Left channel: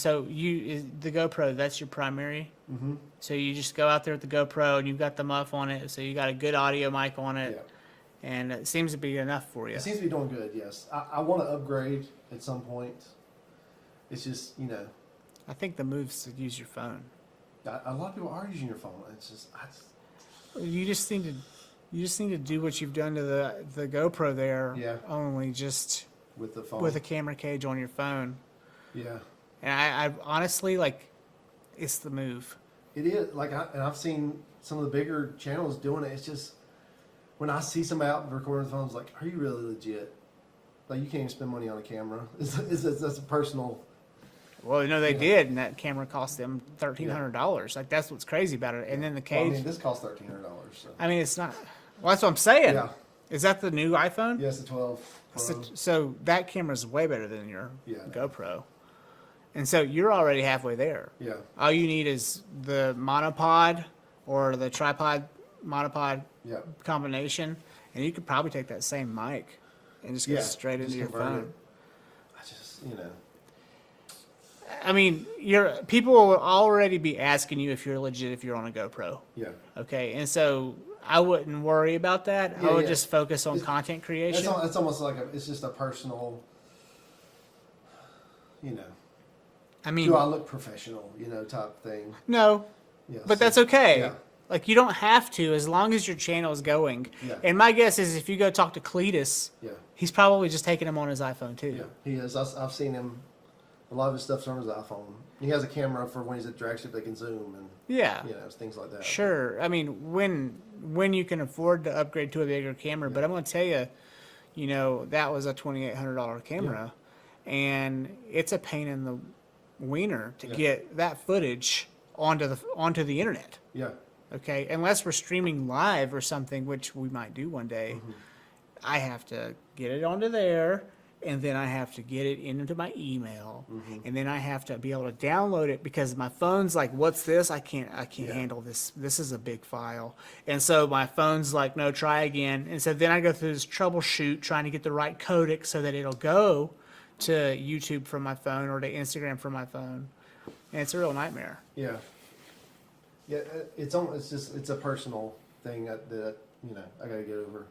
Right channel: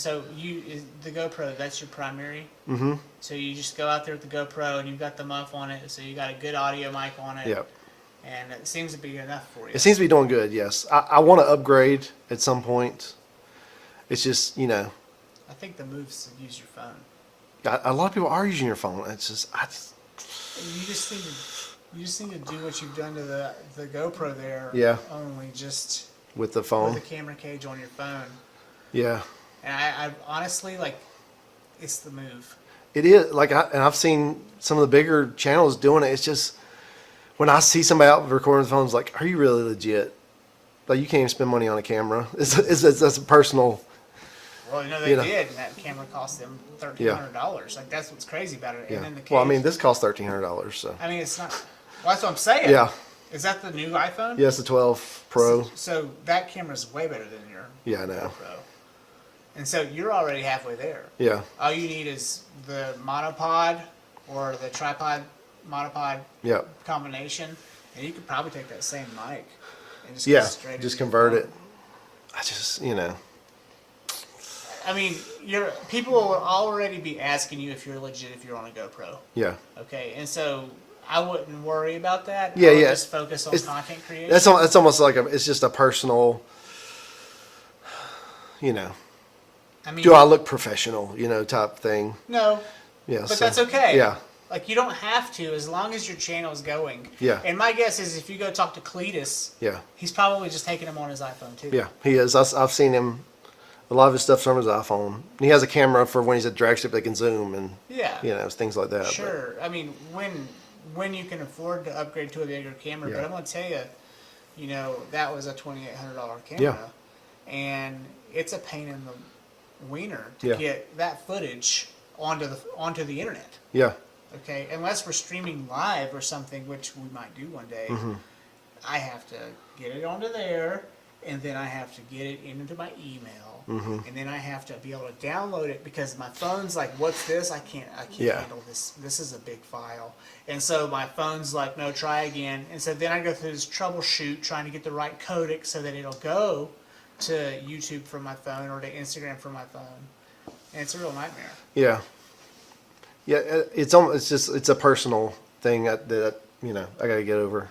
so the GoPro, that's your primary. Mm-hmm. So you just go out there with the GoPro and you've got the muff on it, so you got a good audio mic on it. Yep. And it seems to be enough for you. It seems to be doing good. Yes, I want to upgrade at some point. It's just I think the move's to use your phone. a lot of people are using your phone. It's just You just need to do what you've done to the GoPro there. Yeah. Only just with the phone. with a camera cage on your phone. Yeah. And I honestly it's the move. It is and I've seen some of the bigger channels doing it. It's just when I see somebody out recording the phone, it's like, are you really legit? Like you can't even spend money on a camera. That's a personal. Well, they did, and that camera cost them $1,300. Like that's what's crazy about it. Yeah. And then the cage. Well, I mean, this costs $1,300. So. I mean, it's not. Well, that's what I'm saying. Yeah. Is that the new iPhone? Yeah, it's the 12 Pro. So that camera's way better than your I know. GoPro. And so you're already halfway there. Yeah. All you need is the monopod or the tripod monopod combination, and you could probably take that same mic and just go straight into just your convert phone. it. I just I mean, people will already be asking you if you're legit if you're on a GoPro. Yeah. Okay, and so I wouldn't worry about that. Yeah, I would yeah. just focus on content creation. That's almost like it's just a personal. I mean, do I look professional? Type thing. No. Yeah. But that's okay. Yeah. Like you don't have to, as long as your channel is going. Yeah. And my guess is if you go talk to Cletus, Yeah. he's probably just taking him on his iPhone too. Yeah, he is. I've seen him. A lot of his stuff's on his iPhone. He has a camera for when he's at drag strip that can zoom and things like that. Sure. I mean, when you can afford to upgrade to a bigger camera, but I'm going to tell you, that was a $2,800 camera, and it's a pain in the wiener to get that footage onto the internet. Yeah. Okay, unless we're streaming live or something, which we might do one day. Mm-hmm. I have to get it onto there, and then I have to get it into my email, and then I have to be able to download it because my phone's like, "What's this? I can't handle this. This is a big file." And so my phone's like, "No, try again." And so then I go through this troubleshoot trying to get the right codec so that it'll go to YouTube from my phone or to Instagram from my phone, and it's a real nightmare. Yeah. Yeah, it's a personal thing that I got to get over,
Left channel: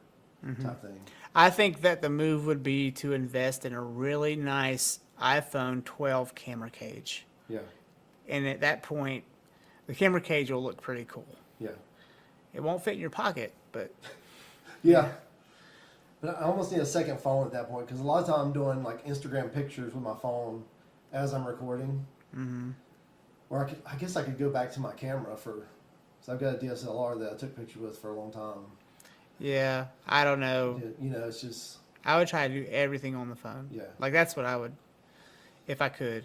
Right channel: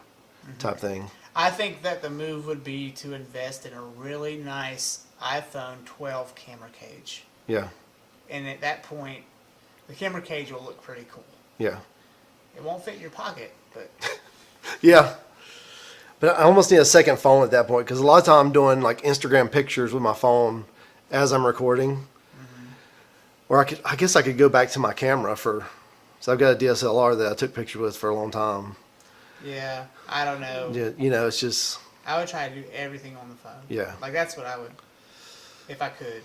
type thing. I think that the move would be to invest in a really nice iPhone 12 camera cage. Yeah. And at that point, the camera cage will look pretty cool. Yeah. It won't fit in your pocket, but... Yeah. But I almost need a second phone at that point because a lot of time I'm doing like Instagram pictures with my phone as I'm recording. Mm-hmm. Or I guess I could go back to my camera so I've got a DSLR that I took pictures with for a long time. Yeah, I don't know. Yeah, it's just... I would try to do everything on the phone. Yeah. Like that's what I would, if I could.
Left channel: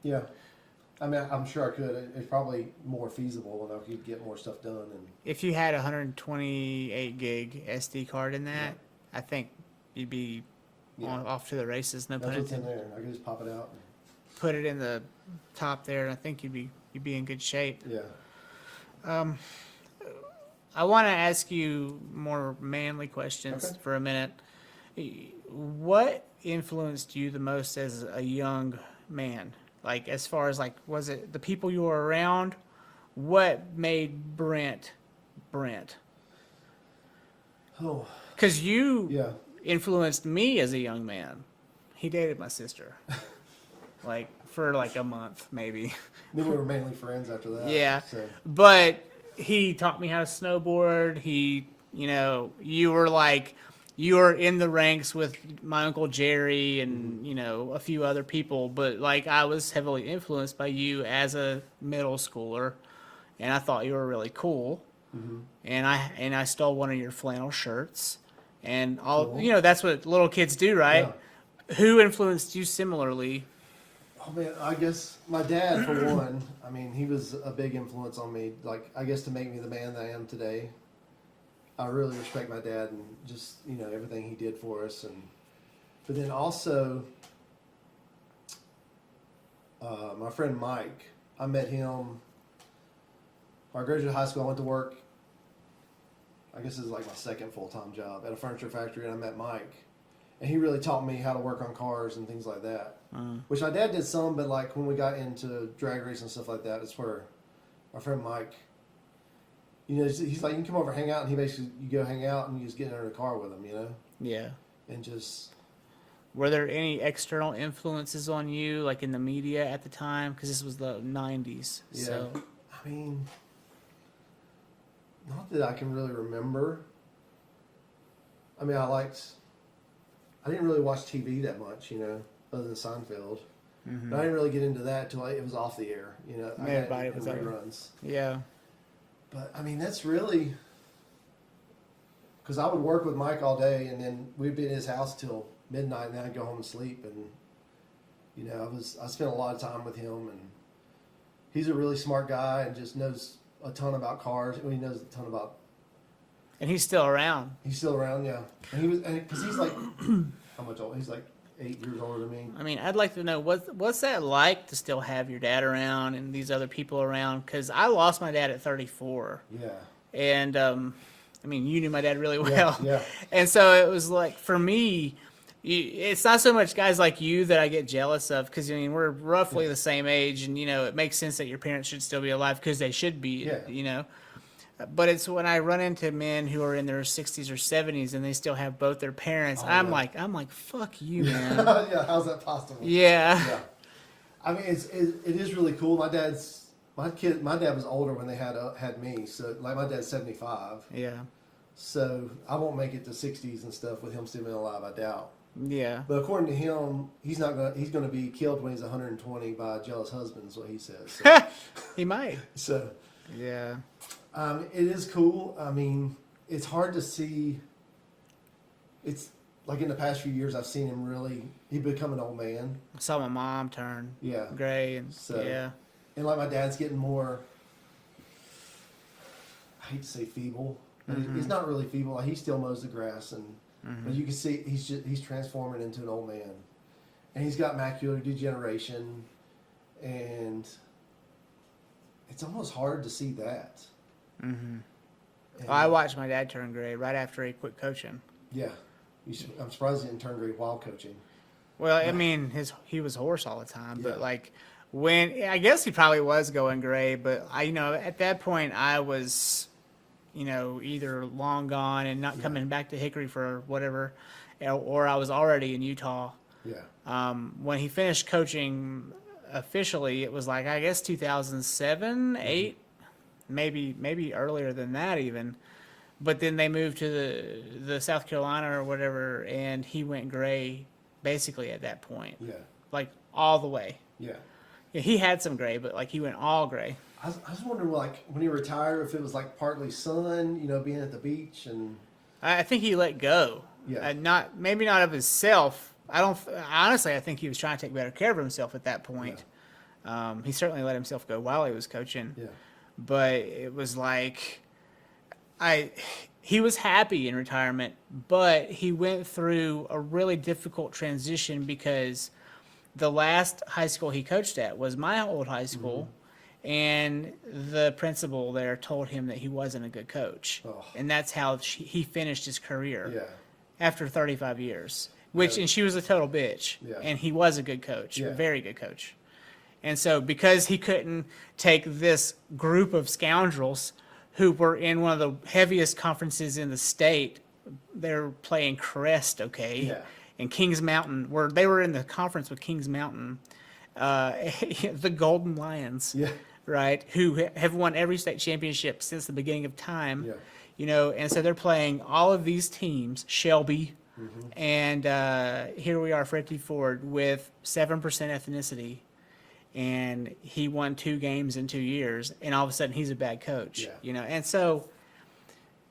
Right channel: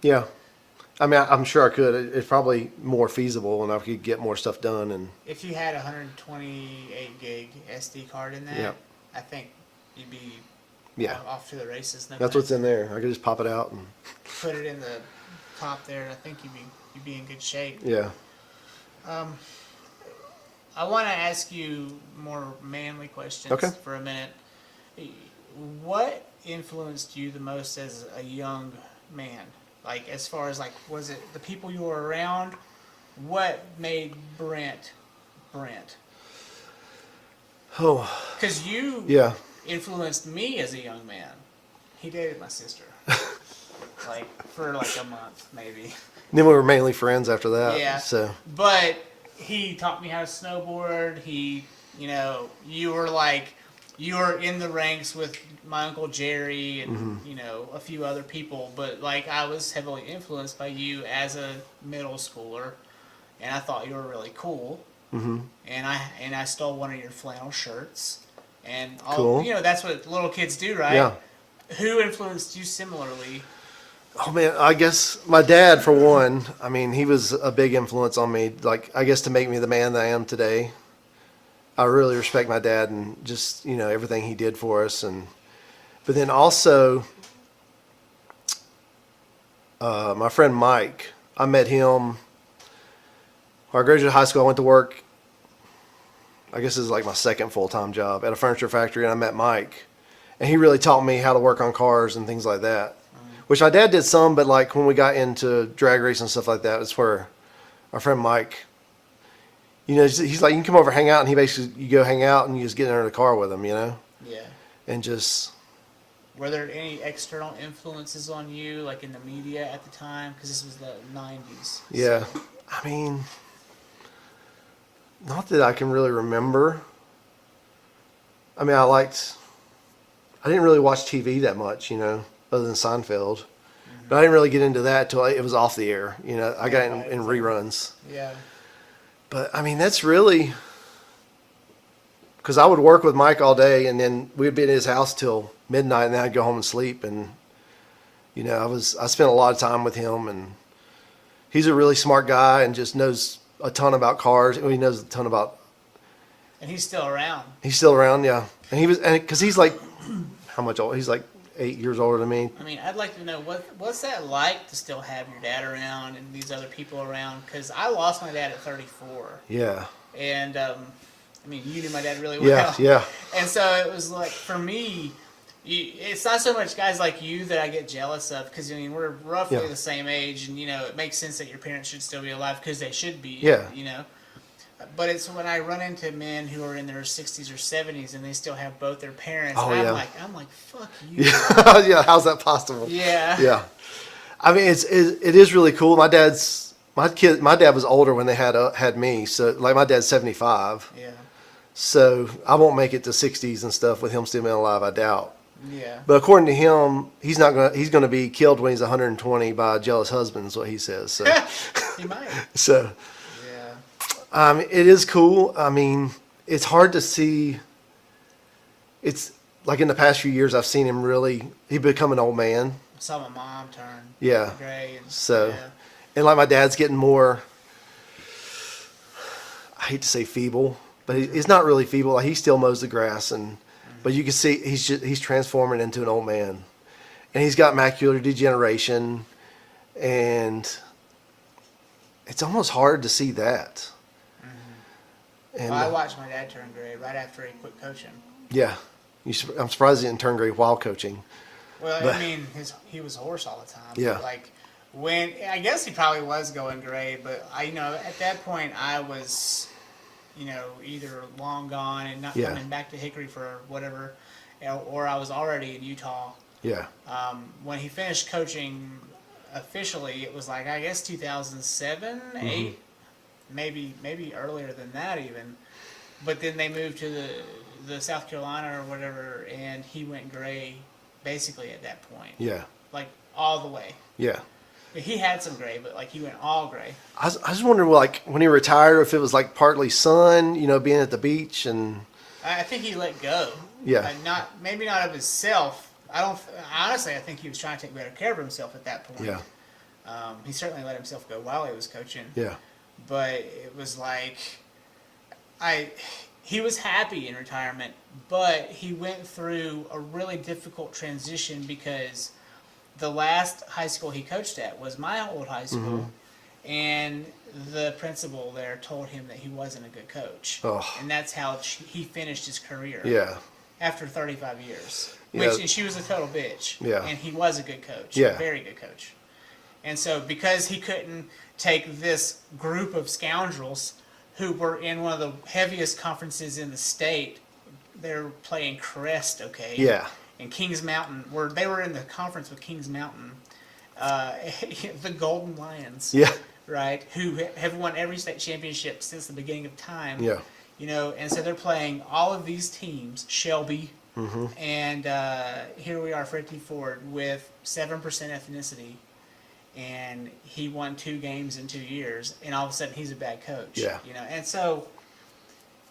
Yeah. I mean, I'm sure I could. It's probably more feasible and I could get more stuff done. And if you had a 128 gig SD card in that, I think you'd be off to the races. That's what's in there. I could just pop it out and put it in the top there, and I think you'd be in good shape. Yeah. I want to ask you more manly questions for a minute. What influenced you the most as a young man? Like, as far as, was it the people you were around? What made Brent? Oh. Because you influenced me as a young man. He dated my sister. For a month, maybe. Then we were mainly friends after that. Yeah. So. But he taught me how to snowboard. You were in the ranks with my Uncle Jerry and, a few other people. But, I was heavily influenced by you as a middle schooler. And I thought you were really cool. Mm-hmm. And I stole one of your flannel shirts. And that's what little kids do, right? Yeah. Who influenced you similarly? Oh man, I guess my dad for one. I mean, he was a big influence on me. I guess to make me the man that I am today. I really respect my dad and just everything he did for us. But then also, my friend Mike. I met him. When I graduated high school, I went to work. I guess this is my second full-time job at a furniture factory, and I met Mike. And he really taught me how to work on cars and things like that. Which my dad did some, but like when we got into drag race and stuff like that, it's where our friend Mike, you know, he's like, you can come over, hang out, and he basically, you go hang out and you just get in the car with him, you know? Yeah. And just... Were there any external influences on you, like in the media at the time? Because this was the 90s. Yeah. So. I mean, not that I can really remember. I mean, I didn't really watch TV that much, you know, other than Seinfeld. Mm-hmm. But I didn't really get into that until it was off the air. You know, I got in reruns. Yeah. But, I mean, that's really... Because I would work with Mike all day, and then we'd be at his house till midnight, and then I'd go home and sleep. And, you know, I spent a lot of time with him, and he's a really smart guy and just knows a ton about cars. He knows a ton about... And he's still around. He's still around, yeah. And because he's like, how much old? He's like 8 years older than me. I mean, I'd like to know what's that like to still have your dad around and these other people around? Because I lost my dad at 34. Yeah. And I mean, you knew my dad really well. Yeah. And so it was like, for me, it's not so much guys like you that I get jealous of, because I mean we're roughly the same age, and you know it makes sense that your parents should still be alive because they should be. Yeah. You know. But it's when I run into men who are in their 60s or 70s and they still have both their parents. Oh, I'm like, fuck you. Yeah. How's that possible? Yeah. Yeah. I mean, it is really cool. My dad was older when they had me. So like my dad's 75. Yeah. So I won't make it to 60s and stuff with him still being alive, I doubt. Yeah. But according to him, he's going to be killed when he's 120 by a jealous husband, is what he says. So. He might. So. Yeah. It is cool. I mean, it's hard to see. It's like in the past few years, I've seen him he become an old man. I saw my mom turn gray. And, so, and like my dad's getting more, I hate to say feeble, but he's not really feeble. Like he still mows the grass, but you can see he's transforming into an old man. And he's got macular degeneration, and it's almost hard to see that. Mm-hmm. And, I watched my dad turn gray right after he quit coaching. Yeah. I'm surprised he didn't turn gray while coaching. Well, I mean, he was a horse all the time. Yeah. But like I guess he probably was going gray, but at that point I was, either long gone and not coming back to Hickory for whatever, or I was already in Utah. Yeah. When he finished coaching officially, it was like, I guess 2007, 8. Maybe earlier than that even, but then they moved to the South Carolina or whatever, and he went gray basically at that point. Yeah. Like all the way. Yeah. He had some gray, but like he went all gray. I just wonder, like when he retired, if it was like partly sun, being at the beach, and I think he let go. Yeah. Maybe not of himself. I think he was trying to take better care of himself at that point. Yeah. He certainly let himself go while he was coaching. Yeah. But it was like, he was happy in retirement, but he went through a really difficult transition because the last high school he coached at was my old high school, and the principal there told him that he wasn't a good coach. Oh. And that's how he finished his career. Yeah. After 35 years. Yeah. And she was a total bitch. Yeah. And he was a good coach. Yeah. A very good coach. And so because he couldn't take this group of scoundrels who were in one of the heaviest conferences in the state, they're playing Crest, okay? Yeah. And Kings Mountain, they were in the conference with Kings Mountain, the Golden Lions. Yeah. Right? Who have won every state championship since the beginning of time. Yeah. And so they're playing all of these teams, Shelby, and here we are, Freddie Ford, with 7% ethnicity. And he won 2 games in 2 years, and all of a sudden he's a bad coach. Yeah. And so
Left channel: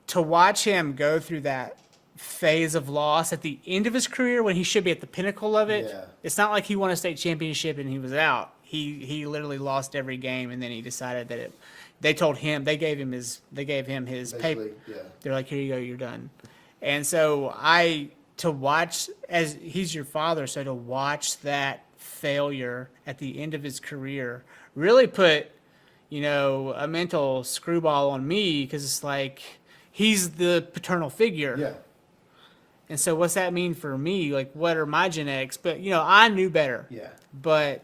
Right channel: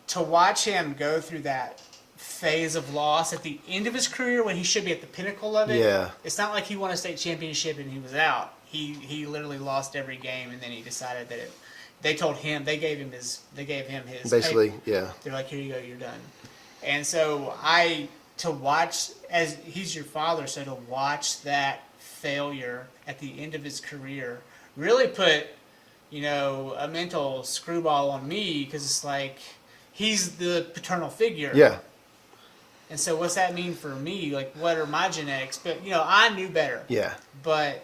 to watch him go through that phase of loss at the end of his career when he should be at the pinnacle of it, it's not like he won a state championship and he was out. He literally lost every game, and then he decided that they gave him his basically paper. Yeah. They're like, here you go, you're done. And so to watch, as he's your father, so to watch that failure at the end of his career really put a mental screwball on me, because it's like he's the paternal figure. Yeah. And so what's that mean for me? Like, what are my genetics? But, I knew better. Yeah. But,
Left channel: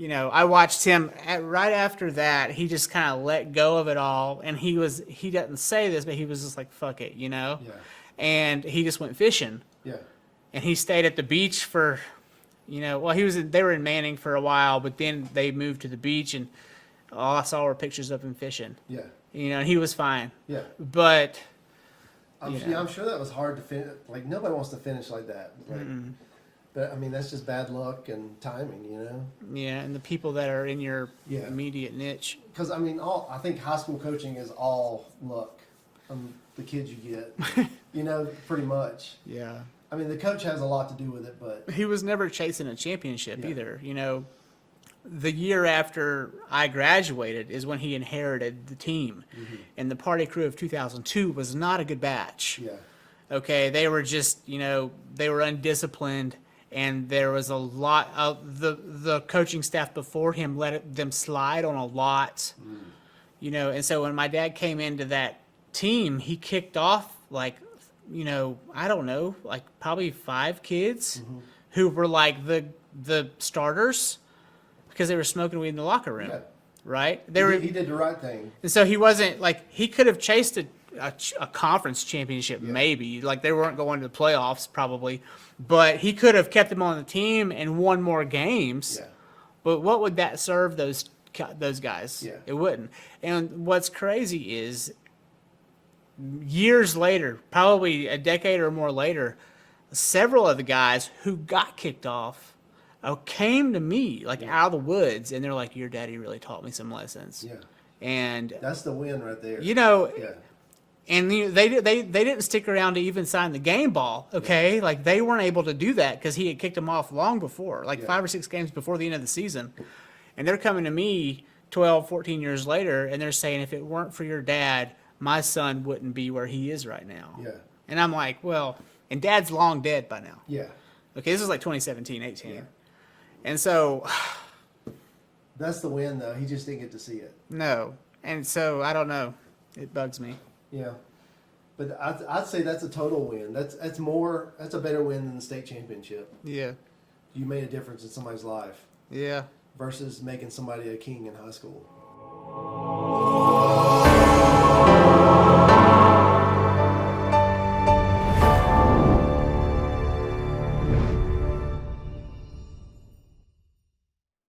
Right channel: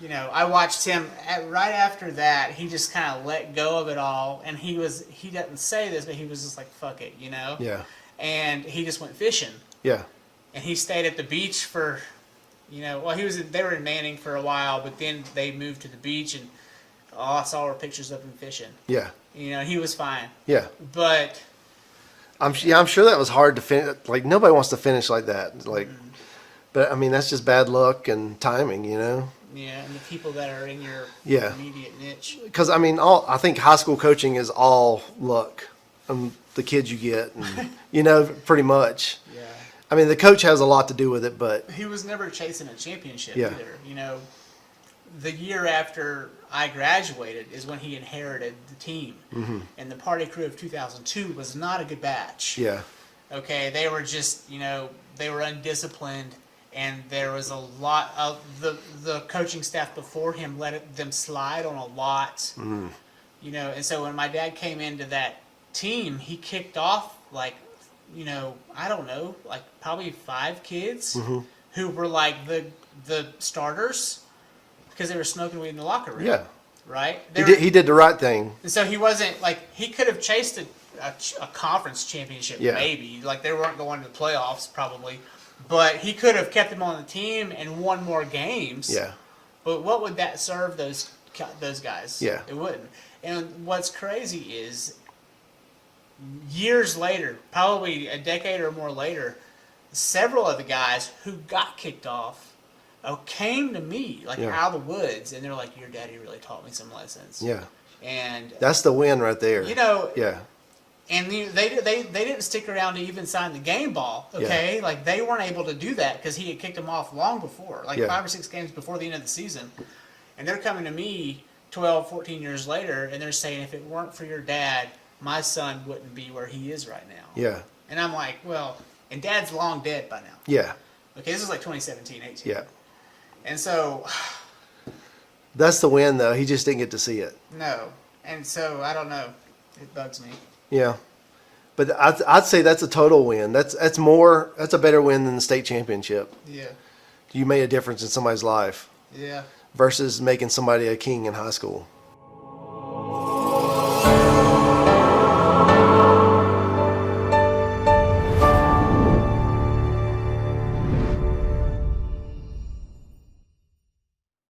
I watched him right after that. He just kind of let go of it all. And he doesn't say this, but he was just like, fuck it, Yeah. And he just went fishing. Yeah. And he stayed at the beach for, they were in Manning for a while, but then they moved to the beach, and all I saw were pictures of him fishing. Yeah. He was fine. Yeah. But I'm sure that was hard to finish. Like, nobody wants to finish like that. Like, but I mean, that's just bad luck and timing, Yeah, and the people that are in your Yeah. immediate niche. Because I mean, I think high school coaching is all luck, and the kids you get, and, pretty much. Yeah. I mean, the coach has a lot to do with it, but He was never chasing a championship Yeah. either. The year after I graduated is when he inherited the team. And the party crew of 2002 was not a good batch. yeah, Okay, they were just, they were undisciplined, and there was a lot of the coaching staff before him let them slide on a lot. And so when my dad came into that team, he kicked off like, I don't know, like probably 5 kids who were like the starters because they were smoking weed in the locker room. yeah. Right? He did the right thing. And so he wasn't like, he could have chased a conference championship, Yeah. maybe. Like, they weren't going to the playoffs probably, but he could have kept them on the team and won more games. Yeah, But what would that serve those guys? Yeah. It wouldn't. And what's crazy is years later, probably a decade or more later, several of the guys who got kicked off came to me like Yeah. out of the woods, and they're like, "Your daddy really taught me some lessons." yeah. And That's the win right there. Yeah. Yeah, And they didn't stick around to even sign the game ball, okay? Like, they weren't able to do that because he had kicked them off long before, like Yeah. 5 or 6 games before the end of the season. And they're coming to me 12, 14 years later, and they're saying, if it weren't for your dad, my son wouldn't be where he is right now. yeah, And I'm like, well, and dad's long dead by now. yeah, Okay, this is like 2017, 18. yeah. And so, That's the win, though. He just didn't get to see it. no. And so, I don't know. It bugs me. Yeah, but I'd say that's a total win. That's a better win than the state championship. Yeah. You made a difference in somebody's life Yeah. versus making somebody a king in high school.